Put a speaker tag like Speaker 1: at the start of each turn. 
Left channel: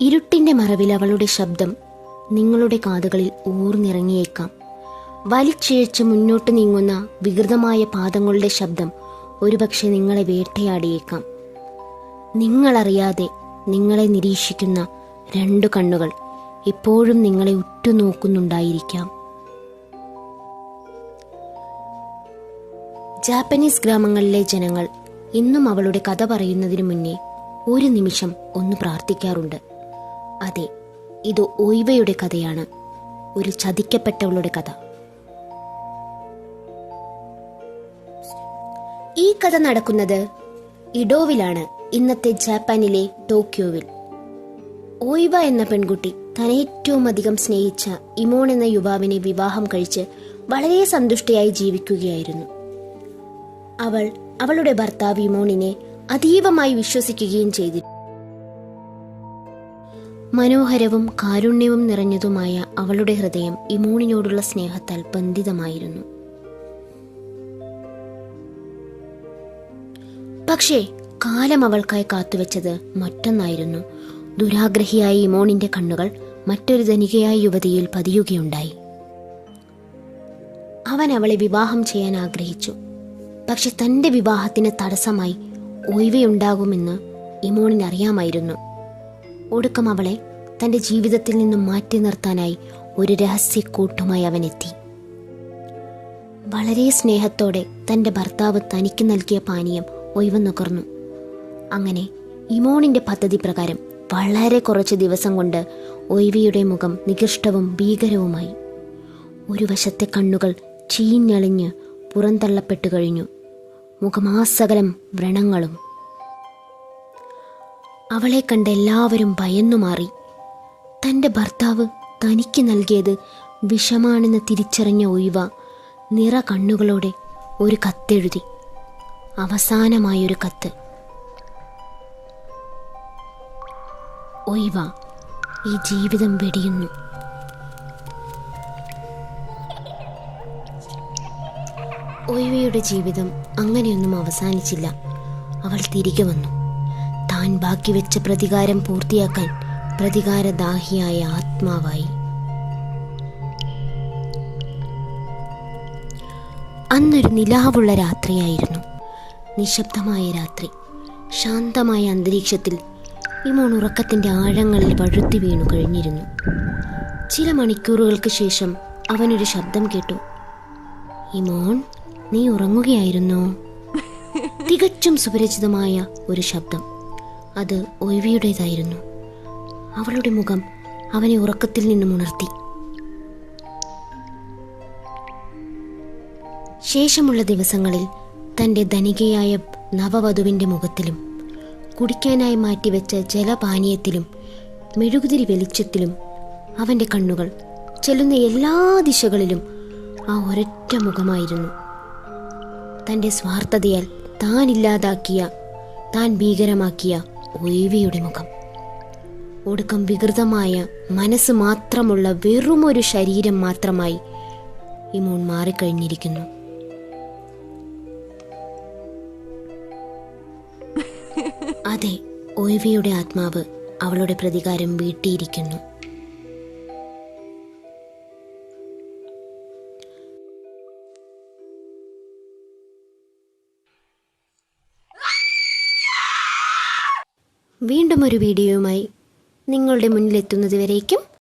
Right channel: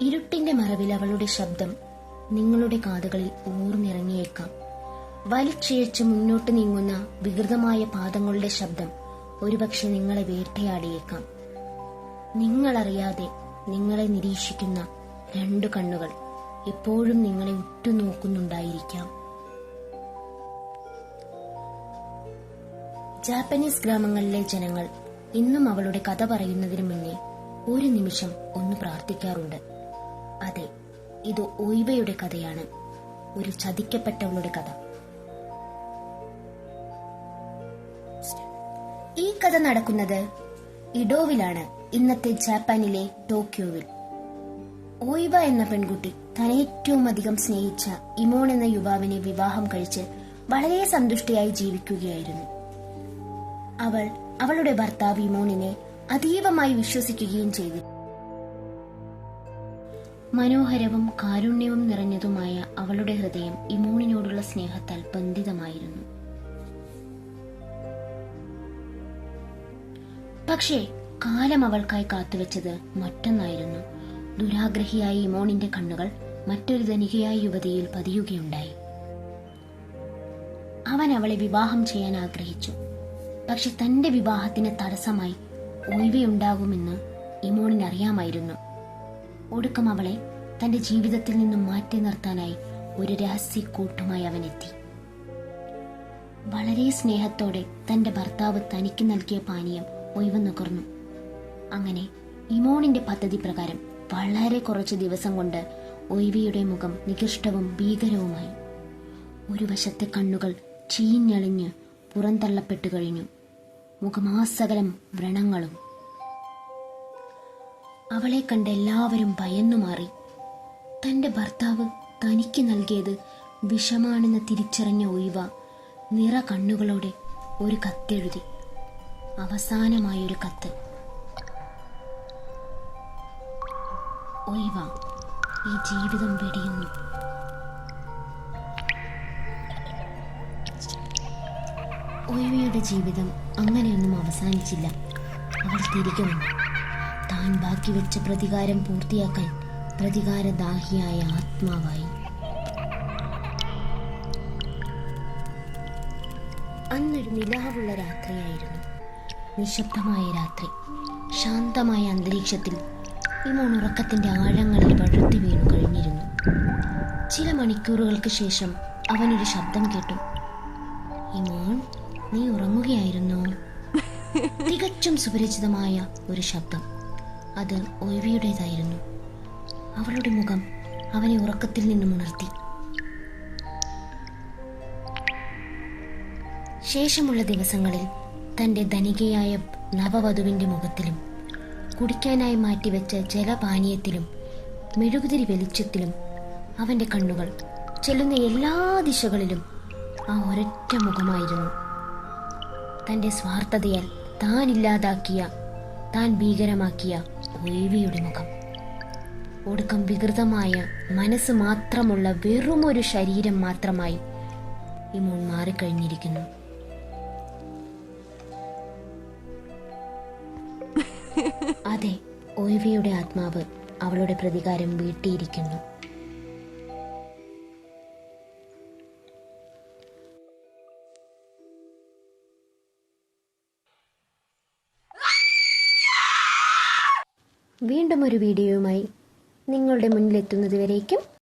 Speaker 1: ഇരുട്ടിന്റെ മറവിൽ അവളുടെ ശബ്ദം നിങ്ങളുടെ കാതുകളിൽ ഊർന്നിറങ്ങിയേക്കാം. വലിച്ചിഴച്ച് മുന്നോട്ട് നീങ്ങുന്ന വികൃതമായ പാദങ്ങളുടെ ശബ്ദം ഒരുപക്ഷെ നിങ്ങളെ വേട്ടയാടിയേക്കാം. നിങ്ങളറിയാതെ നിങ്ങളെ നിരീക്ഷിക്കുന്ന രണ്ടു കണ്ണുകൾ എപ്പോഴും നിങ്ങളെ ഉറ്റുനോക്കുന്നുണ്ടായിരിക്കാം. ജാപ്പനീസ് ഗ്രാമങ്ങളിലെ ജനങ്ങൾ ഇന്നും അവളുടെ കഥ പറയുന്നതിന് മുന്നേ ഒരു നിമിഷം ഒന്ന് പ്രാർത്ഥിക്കാറുണ്ട്. അതെ ഇത് ഒയ്വയുടെ കഥയാണ്. ഒരു ചതിക്കപ്പെട്ടവളുടെ കഥ. ഈ കഥ നടക്കുന്നത് ഇഡോവിലാണ് ഇന്നത്തെ ജാപ്പാനിലെ ടോക്കിയോവിൽ ഓയിബ എന്ന പെൺകുട്ടി തന്നെ ഏറ്റവും അധികം സ്നേഹിച്ച ഇമോൺ എന്ന യുവാവിനെ വിവാഹം കഴിച്ച് വളരെ സന്തുഷ്ടയായി ജീവിക്കുകയായിരുന്നു. അവൾ അവളുടെ ഭർത്താവ് ഇമോണിനെ അതീവമായി വിശ്വസിക്കുകയും ചെയ്തു മനോഹരവും കാരുണ്യവും നിറഞ്ഞതുമായ അവളുടെ ഹൃദയം ഇമോണിനോടുള്ള സ്നേഹത്താൽ ബന്ധിതമായിരുന്നു. പക്ഷേ കാലം അവൾക്കായി കാത്തുവെച്ചത് മറ്റൊന്നായിരുന്നു. ദുരാഗ്രഹിയായ ഇമോണിന്റെ കണ്ണുകൾ മറ്റൊരു ധനികയായ യുവതിയിൽ പതിയുകയുണ്ടായി. അവൻ അവളെ വിവാഹം ചെയ്യാൻ ആഗ്രഹിച്ചു. പക്ഷെ തന്റെ വിവാഹത്തിന് തടസ്സമായി ഒഴിവയുണ്ടാകുമെന്ന് ഇമോണിന് അറിയാമായിരുന്നു ഒടുക്കം അവളെ തന്റെ ജീവിതത്തിൽ നിന്നും മാറ്റി നിർത്താനായി ഒരു രഹസ്യക്കൂട്ടുമായി അവൻ എത്തി. വളരെ സ്നേഹത്തോടെ തന്റെ ഭർത്താവ് തനിക്ക് നൽകിയ പാനീയം ഒഴിവ് നുകർന്നു അങ്ങനെ ഇമോണിന്റെ പദ്ധതി പ്രകാരം വളരെ കുറച്ച് ദിവസം കൊണ്ട് ഒയ്വിയുടെ മുഖം നികൃഷ്ടവും ഭീകരവുമായി. ഒരു വശത്തെ കണ്ണുകൾ ചീഞ്ഞളിഞ്ഞ് പുറന്തള്ളപ്പെട്ടു കഴിഞ്ഞു. മുഖമാസകലം വ്രണങ്ങളും അവളെ കണ്ട് എല്ലാവരും ഭയന്നു മാറി. തന്റെ ഭർത്താവ് തനിക്ക് നൽകിയത് വിഷമാണെന്ന് തിരിച്ചറിഞ്ഞ ഒഴിവ നിറ കണ്ണുകളോടെ ഒരു കത്തെഴുതി. അവസാനമായൊരു കത്ത്. ഒഴിവ ഈ ജീവിതം വെടിയുന്നു. ഒഴിവയുടെ ജീവിതം അങ്ങനെയൊന്നും അവസാനിച്ചില്ല. അവൾ തിരികെ വന്നു. താൻ ബാക്കി വെച്ച പ്രതികാരം പൂർത്തിയാക്കാൻ പ്രതികാരദാഹിയായ ആത്മാവായി. അന്നൊരു നിലാവുള്ള രാത്രിയായിരുന്നു. നിശബ്ദമായ രാത്രി. ശാന്തമായ അന്തരീക്ഷത്തിൽ ഇമോൺ ഉറക്കത്തിന്റെ ആഴങ്ങളിൽ വഴുത്തി വീണു കഴിഞ്ഞിരുന്നു. ചില മണിക്കൂറുകൾക്ക് ശേഷം അവനൊരു ശബ്ദം കേട്ടു. ഇമോൺ നീ ഉറങ്ങുകയായിരുന്നോ? തികച്ചും സുപരിചിതമായ ഒരു ശബ്ദം. അത് ഒഴിവിയുടേതായിരുന്നു. അവളുടെ മുഖം അവനെ ഉറക്കത്തിൽ നിന്നും ഉണർത്തി. ശേഷമുള്ള ദിവസങ്ങളിൽ തന്റെ ധനികയായ നവവധുവിന്റെ മുഖത്തിലും കുടിക്കാനായി മാറ്റിവെച്ച ജലപാനീയത്തിലും മെഴുകുതിരി വെളിച്ചത്തിലും അവന്റെ കണ്ണുകൾ ചെല്ലുന്ന എല്ലാ ദിശകളിലും ആ ഒരൊറ്റ മുഖമായിരുന്നു. തന്റെ സ്വാർത്ഥതയാൽ താൻ ഇല്ലാതാക്കിയ താൻ ഭീകരമാക്കിയ ഒഴിവിയുടെ മുഖം. ഒടുക്കം വികൃതമായ മനസ്സ് മാത്രമുള്ള വെറുമൊരു ശരീരം മാത്രമായി ഇമോൺ മാറിക്കഴിഞ്ഞിരിക്കുന്നു. അതെ ഒഴിവിയുടെ ആത്മാവ് അവളുടെ പ്രതികാരം വീട്ടിയിരിക്കുന്നു. വീണ്ടും ഒരു വീഡിയോയുമായി നിങ്ങളുടെ മുന്നിലെത്തുന്നതുവരേക്കും